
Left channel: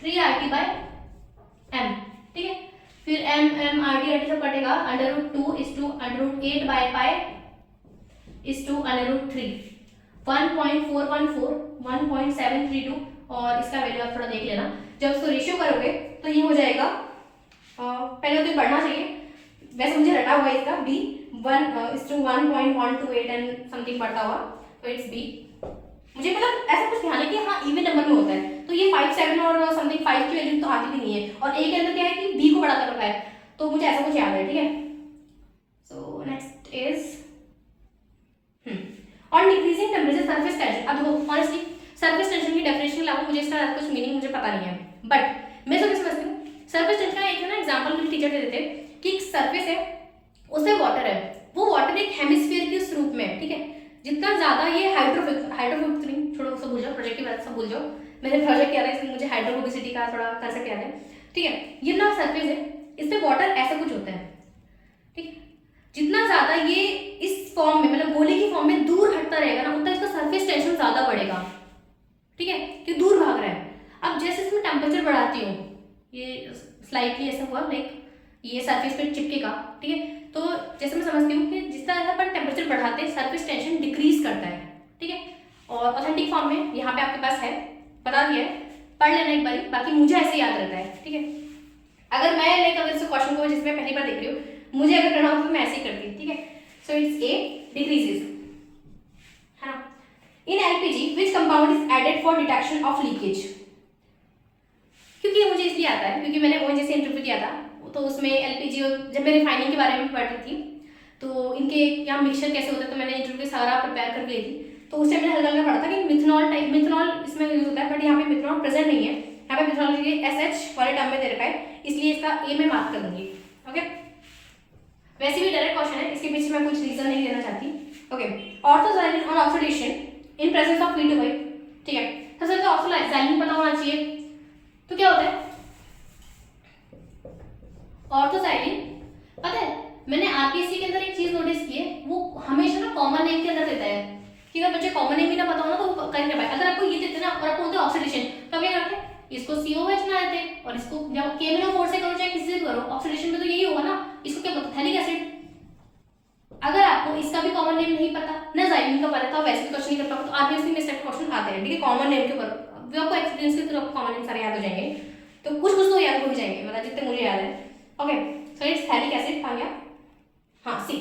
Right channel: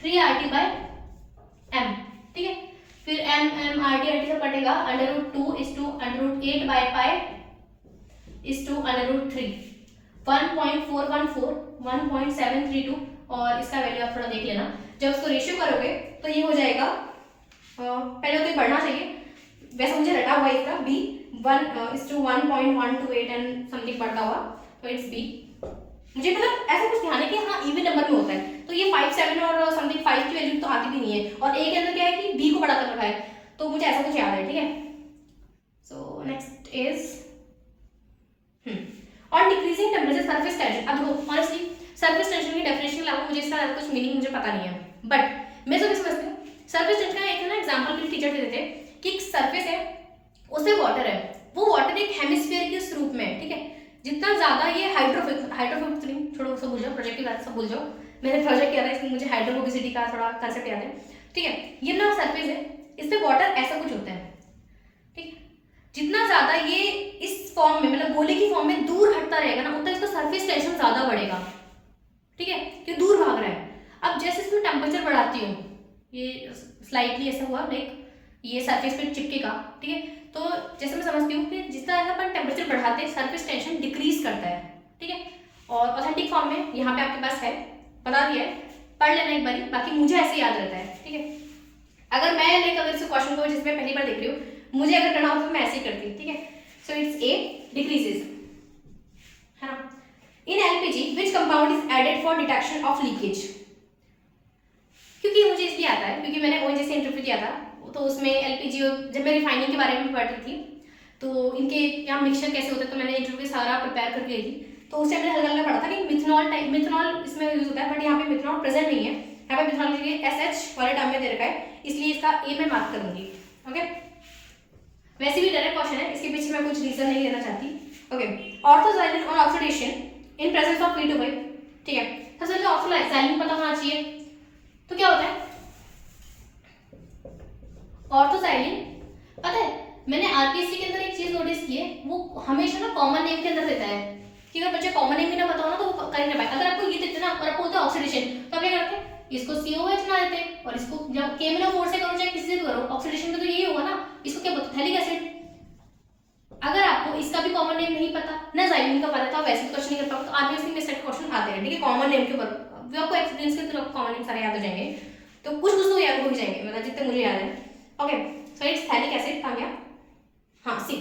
√3RT/m, ठीक है। फिर RT से कटेगा, √2 इज टू √8/π इज टू √3, 1.414 1.732, और इसका वैल्यू आप थोड़ा देख लेना, जब उसको रेशियो करोगे तो ये हो जाएगा, पहले तो ये बढ़ना चाहिए, वैसे मुझे रटा हुआ है इसका B 1:128 एंड समथिंग बढ़ता हुआ, तो इट्स B। मुझे मतलब ऐसा कुछ ध्यान है कि हाँ इवन नंबर में होता है, तो ये 5 7 और समथिंग 5 की वैल्यू तो आती भी नहीं है, और A के अंदर क्या है कि B को बढ़ा कर रखा है, तो मुझे ऐसा कुछ याद है, ठीक है। सो next is on decreasing temperature surface tension. अब देखो ऑनेस्टली सरफेस टेंशन की डेफिनेशन के अलावा मुझे इसका कुछ मीनिंग मुझे पता नहीं है, बट मैं तो क्या समझती हूँ, सरफेस टेंशन का एक ना एग्जांपल मुझे टीचर दे देते हैं कि एक सरफेस है, उसमें वाटर है, वो वाटर एक हेमिस्फीयर के रूप में, ठीक है। जितना ज्यादा ये हाइड्रोफोबिक छोड़ो, सब भूल जाओ, प्रोजेक्ट की बात सब भूल जाओ, मैंने प्रोजेक्ट किया था इसमें मुझे हाइड्रोफोबिसिटी का थोड़ा कंसेप्ट याद है, ठीक है। ये ना सरफेस है, इस पे वाटर ऐसा कुछ होता है, ठीक। जितना ज्यादा ये इस फॉर्म में मतलब गोले की फॉर्म में दूर हटता रहेगा ना, उतना इसका सरफेस टेंशन ज्यादा बढ़ेगा, ठीक है, कि दूर भाग रहा है। अब जैसे इसमें टेम्परेचर बढ़ाती हूँ, ये स्लाइटली ऐसा हुआ लाइक ये सरफेस पे चिपकेगा, ठीक है। तो जैसे मैं समझती हूँ कि जिस तरह अपन टेम्परेचर बढ़ाते हैं सरफेस टेंशन डिक्रीज करता है, ठीक है। और ऑथेंटिक फॉर्म में यहाँ पे आपके पास है, बता दिया है, पढ़ लेना एक बारी, बाकी मुझे ऐसे याद रहता है, ठीक है। अगर मैं लाइक अगर इस क्वेश्चन को जिसमें पहली बार देख रही हूँ, मुझे अगर करना हो तो मैं ऐसे ही करती, ठीक है। सो इट्स ए डिक्रीजेज, है ना। In LPG which compound is added for detection of leakage, क्योंकि मुझे इसलिए आता है क्योंकि मैंने ओएनजीसी से इंटरव्यू दिया था, तो उसमें एलपीजी जब मैं रिफाइनिंग के बारे में पढ़ रही थी तो इनके यहाँ मिक्सचर कैसे होता है, तो मैंने इंटरव्यू सारा प्रिपेयर करके गई थी। तो उस टाइम मैंने हल्का हल्का पढ़ा था कि मिथनॉल इसमें यूज होता है, बट यहाँ पे मिथनॉल प्रेजेंट नहीं है, यहाँ पे मिथनॉल के लिए SH वाले टर्म में दे रखा है, इसलिए इसका ए में मार्क करूंगी, ओके। वैसे भी डायरेक्ट क्वेश्चन है, इसके पीछे मैं कुछ रीजन नहीं देना चाहती, okay. ऑर्थोजाइलिन on oxidation in presence of V2, ठीक है। सबसे पहले ऑर्थोजाइलिन पता होना चाहिए, तो क्या होता है ऑर्थोजाइलिन, पता है मैंने आरपीएससी के अंदर एक चीज नोटिस की है, वो हमेशा ना कॉमन नेम के अंदर देता है, कि अगर बच्चे कॉमन नेम ही ना पता हो ना तो वो कर नहीं पाए। अगर आपको ये देते ना और आपको बोलते ऑक्सीडेशन, तो क्या करते हैं, इसको COH ना देते, और इसको जब KMnO4 से करो चाहे किसी से करो, ऑक्सीडेशन में तो यही होगा ना, इसको क्या बोलते हैं थैलिक एसिड। अगर आपको इसका भी कॉमन नेम नहीं पता, ना जाइलिन का पता था, वैसे भी क्वेश्चन नहीं कर पाओ, तो आरपीएससी में इस टाइप के क्वेश्चन आते हैं, ठीक है। कॉमन नेम के ऊपर वो आपको एक्सपीरियंस के थ्रू कॉमन नेम सारे याद हो जाएंगे, तो कुछ तो याद हो जाएंगे, मतलब जितने मुझे याद है, okay. So it's phthalic acid आ गया, हाँ C.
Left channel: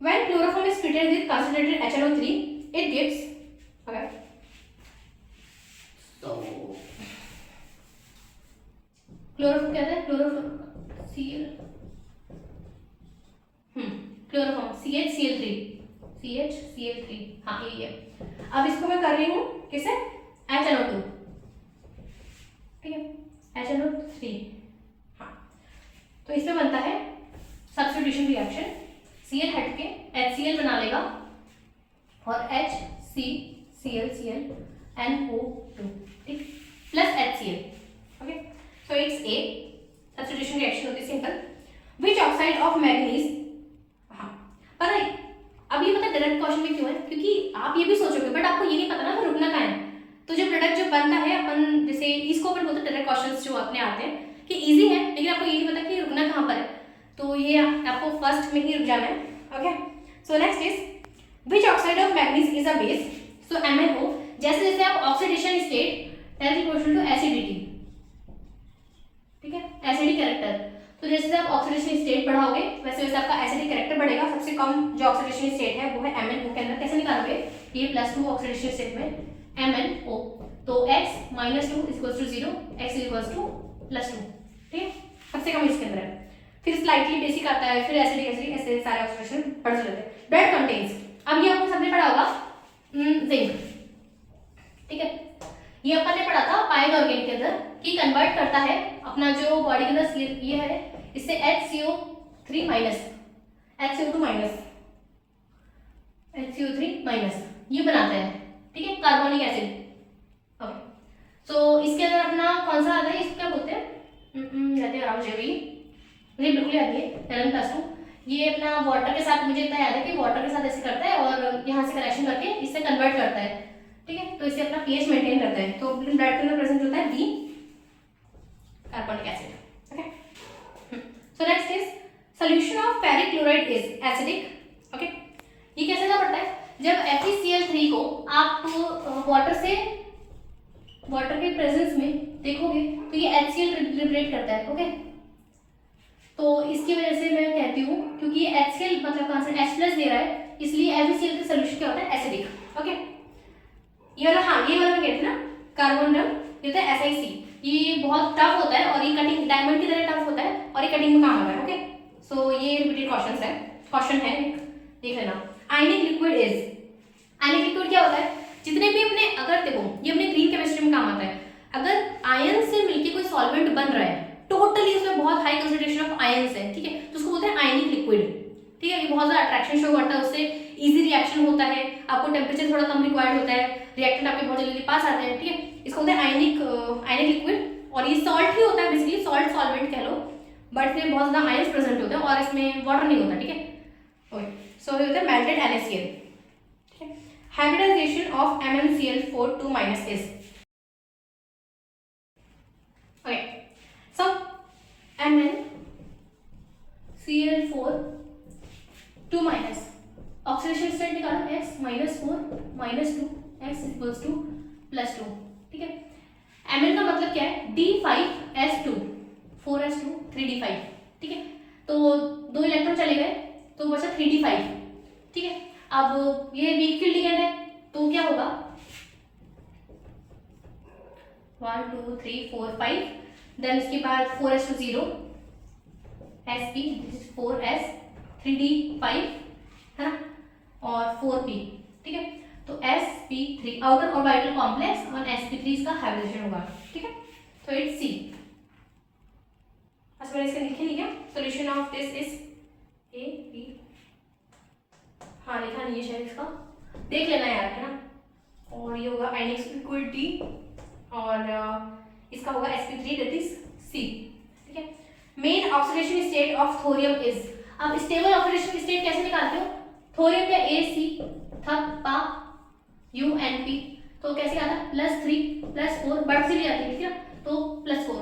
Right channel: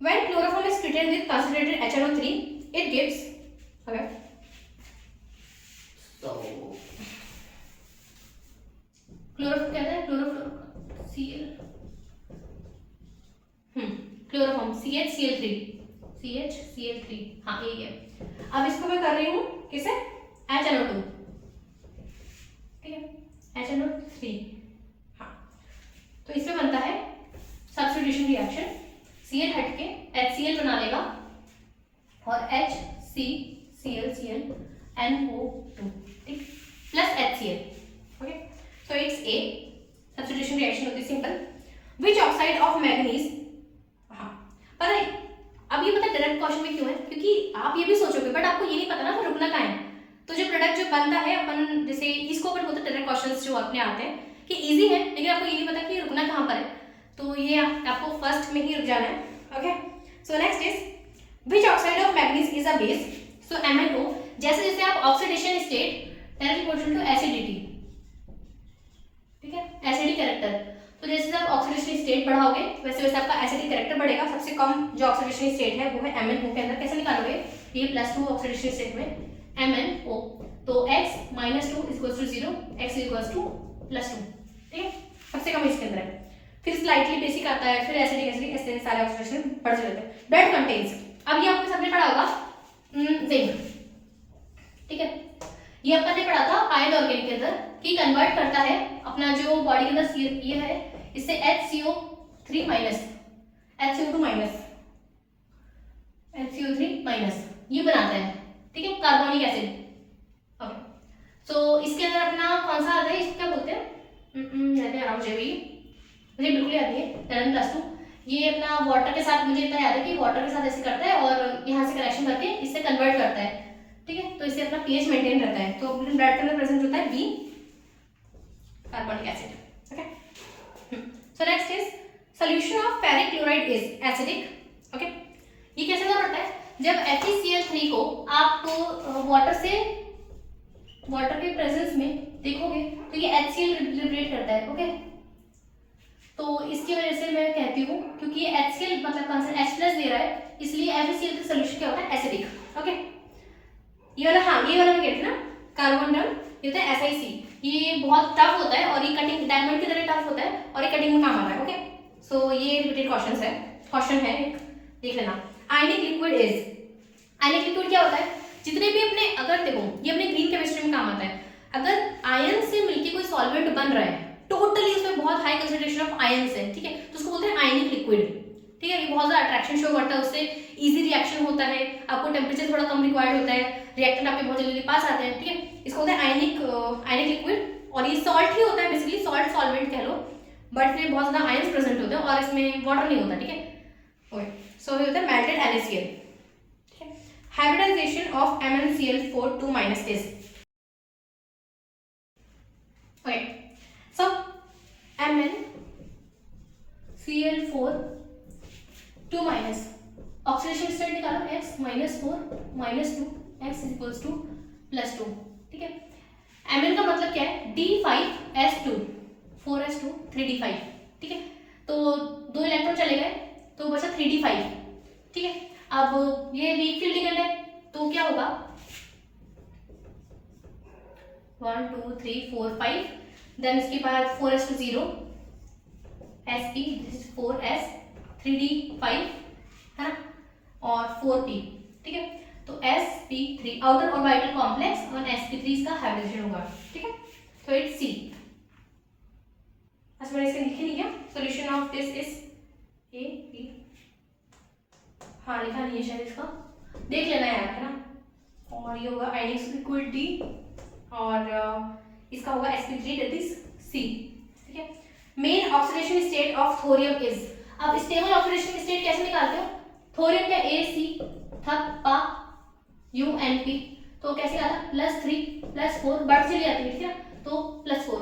When chloroform is treated with concentrated HNO3, it gives, okay. So chloroform क्या है, क्लोरोफॉर्म Cl, क्लोरोफॉर्म CHCl3, हाँ यही है। अब इसको मैं कर रही हूँ किसे, HNO2, ठीक है, HNO3, हाँ। तो इसमें बनता है सब्स्टिट्यूशन रिएक्शन, Cl हट के HCl बना लेगा और HCClClNO2, ठीक, plus HCl, okay. So it's a substitution reaction होती है simple. Which oxide of manganese, हाँ पता है, अब ये पता डायरेक्ट क्वेश्चन में क्यों है, क्योंकि आप ये भी सोचोगे बट आपको ये नहीं पता ना रुकना कहाँ है। तो जो प्रोडक्ट जो बनता है अपन जैसे इसको अपन बोलते हैं डायरेक्ट क्वेश्चंस जो अपने आते हैं कि इजी है, लेकिन आपको ये नहीं पता कि रुकना कहाँ पर है, तो ये आपको फर्स्ट में ही रुक जाना है, okay. So next is which oxide of manganese is a base, so MnO, जैसे जैसे आप oxidation state directly proportional to acidity, ठीक है, एसिडिक कैरेक्टर, तो जैसे आप ऑक्सीडेशन स्टेट बढ़ाओगे वैसे वैसे आपका एसिडिक कैरेक्टर बढ़ेगा। सबसे कम जो ऑक्सीडेशन स्टेट है वो है MnO के अंदर, कैसे निकालोगे, ये +2 ऑक्सीडेशन स्टेट में MnO, तो X - 2 = 0, X = +2, ठीक है, सबसे कम इसके अंदर है। फिर स्लाइटली बेसिक आता है, फिर एसिडिक ऐसे सारे ऑक्सीडेशन बढ़ जाते हैं। ब्लड कंटेन्स, अब ये आपको सबने पढ़ा होगा जिंक, ठीक है, ये अपन ने पढ़ा था आयन ऑर्गेनिक के अंदर कि कन्वर्ट करता है अपना जो बॉडी के अंदर ये है इससे HCO3 minus HCO2 minus HCO3 ये बनाता है, ठीक है, कार्बोनिक एसिड, ओके। सो इसके अंदर अपना कौन सा आता है, इसको क्या बोलते हैं, याद है मुझे बिल्कुल याद नहीं है, 7+2, ये अपना वाटर के साथ, मुझे इतना याद है कि वाटर के साथ ऐसे करता है और यहाँ से कनेक्शन करके इससे कन्वर्ट करता है, ठीक है, तो इससे अपना pH मेंटेन रहता है। तो ब्लड के अंदर प्रेजेंट होता है B carbonic acid, okay. So next is solution of ferric chloride is acidic, okay. ये कैसे क्या पड़ता है, जब FeCl3 को आप वाटर के प्रेजेंस में देखोगे तो ये HCl लिबरेट करता है, ओके। तो इसकी वजह से मैं कहती हूँ क्योंकि ये HCl मतलब कौन सा H+ दे रहा है, इसलिए FeCl का सॉल्यूशन क्या होता है, एसिडिक, ओके। ये वाला, हाँ ये वाला मैं कहती ना कार्बन ये होता है SiC, ये बहुत टफ होता है और ये कटिंग डायमंड की तरह टफ होता है और ये कटिंग में काम आता है, ओके। सो ये रिपीटेड क्वेश्चन है देख लेना। आयनिक लिक्विड इज, आयनिक लिक्विड क्या होता है, जितने भी अपने, अगर देखो ये अपने ग्रीन केमिस्ट्री में काम आता है, अगर आयन से मिलके कोई सॉल्वेंट बन रहा है टोटली उसमें बहुत हाई कंसंट्रेशन ऑफ आयंस है, ठीक है, तो उसको बोलते हैं आयनिक लिक्विड, ठीक है। ये बहुत ज़्यादा अट्रैक्शन शो करता है, उससे इजी रिएक्शन होता है, आपको टेम्परेचर थोड़ा कम रिक्वायर्ड होता है, रिएक्टेंट आपके बहुत जल्दी पास आते हैं, ठीक है। इसको बोलते हैं आयनिक लिक्विड, और ये सॉल्ट ही होता है बेसिकली, सॉल्ट सॉल्वेंट कह लो, बट इसमें बहुत ज़्यादा आयंस प्रेजेंट होते हैं और इसमें वाटर नहीं होता, ठीक है, ओके। सो ये होता है मेल्टेड NaCl, ठीक है। hybridization of MnCl4 2 minus is. Okay, so MnCl4 2 minus oxidation state निकालो x -4 -2 x इक्वल्स टू +2, ठीक है। Mn का मतलब क्या है, D5S2 4S2 3D5, ठीक है। तो 2 इलेक्ट्रॉन चले गए तो बचा 3D5, ठीक है। अब ये वीक फील्ड लिगेंड है तो क्या होगा 1 2 3 4 5, देन इसके बाद 4s2 0 sp, this is 4s 3d5 है ना, और 4p, ठीक है। तो sp3 आउटर ऑर्बिटल कॉम्प्लेक्स और sp3 इसका हाइब्रिडेशन होगा, ठीक है। तो इट्स सी। अच्छा मैंने इसके लिखे नहीं क्या, solution of this is A B, हाँ लिखा नहीं है शायद, इसका देख लेना यार, है ना। और ये होगा आयनिक लिक्विड डी और इसका होगा sp3 दैट इज सी, ठीक है। Main oxidation state of thorium is, अब स्टेबल ऑक्सीडेशन स्टेट कैसे निकालते हो, थोरियम का AC थप्पा UNP, तो कैसे आता +3 +4 बढ़ से ले आती है, ठीक है, तो +4।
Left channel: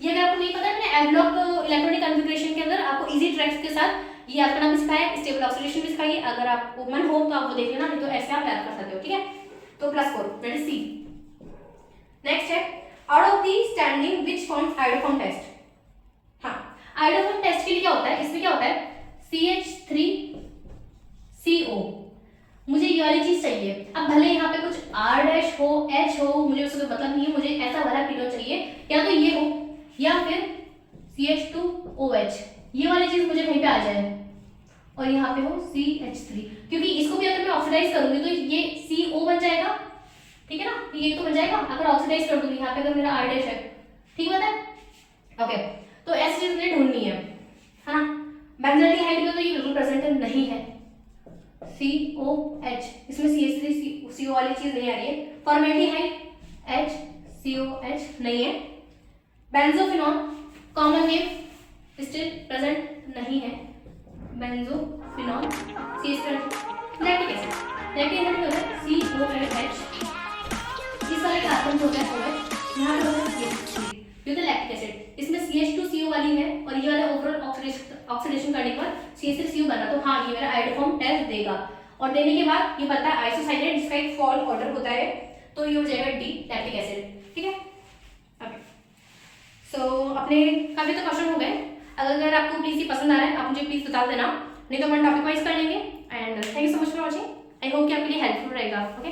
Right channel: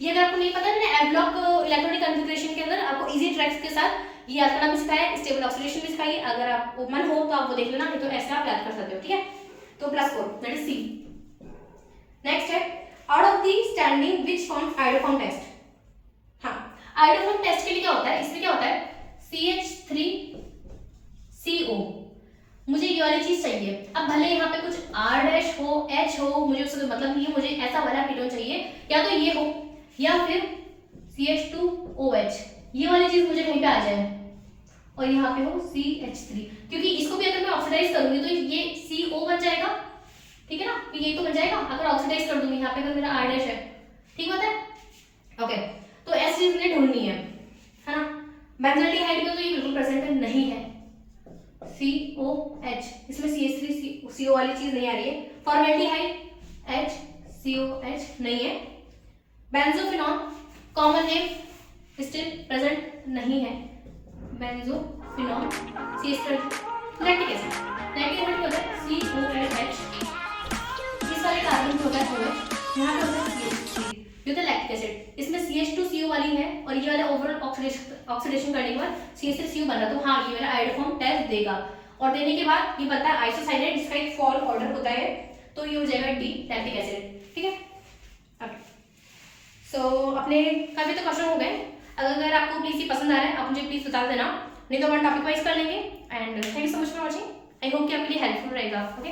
ये अगर आपको नहीं पता है, मैंने एवलॉक इलेक्ट्रॉनिक कन्फिग्रेशन के अंदर आपको इजी ट्रैक्स के साथ ये याद करना भी सिखाया है, स्टेबल ऑक्सीडेशन भी सिखाई है, अगर आपको मन हो तो आप वो देख लेना, नहीं तो ऐसे आप याद कर सकते हो, ठीक है। तो +4 दैट इज सी। नेक्स्ट है out of the standing which forms iodoform test. हाँ, आयोडोफॉर्म टेस्ट के लिए क्या होता है, इसमें क्या होता है CH3CO, मुझे ये वाली चीज चाहिए। अब भले यहाँ पे कुछ R' हो H हो, मुझे उससे कोई मतलब नहीं है, मुझे ऐसा वाला कीटोन चाहिए, या तो ये हो या फिर CH2OH, ये वाली चीज मुझे कहीं पे आ जाए, और यहाँ पे हो CH3, क्योंकि इसको भी अगर मैं ऑक्सीडाइज करूंगी तो ये CO बन जाएगा, ठीक है ना, ये तो बन जाएगा अगर ऑक्सीडाइज कर दूंगी यहाँ पे, अगर मेरा R' है, ठीक बात है, ओके। तो ऐसी चीज मुझे ढूंढनी है ना। बेंजोल्डिहाइड में तो ये बिल्कुल प्रेजेंट नहीं है, COH, इसमें CH3CO वाली चीज नहीं आ रही है। फॉर्मेल्डिहाइड HCOH नहीं है। Benzophenone common name still present नहीं है, benzophenone CH3 lactic acid, lactic acid होता है COH, इस वाले कार्बन होता है OH, यहाँ पे होता है CH3, ये होता है लैक्टिक एसिड, इसमें CH2CO वाली है, और ये वाला ओवरऑल ऑक्सीडेशन करने के बाद CH3CO बना, तो हाँ ये मेरा आयोडोफॉर्म टेस्ट देगा, और देने के बाद ये पता है आइसोसाइनेट जिसका एक फॉल ऑर्डर होता है, तो ये हो जाएगा D लैक्टिक एसिड, ठीक है। ओके, सो अपने काफी तो क्वेश्चन हो गए, अगर आपको प्लीज ये पसंद आ रहा है आप मुझे प्लीज बता देना, नहीं तो अपन टॉपिक वाइज कर लेंगे। And thank you so much for watching, I hope कि आपके लिए हेल्पफुल रहेगा। ओके।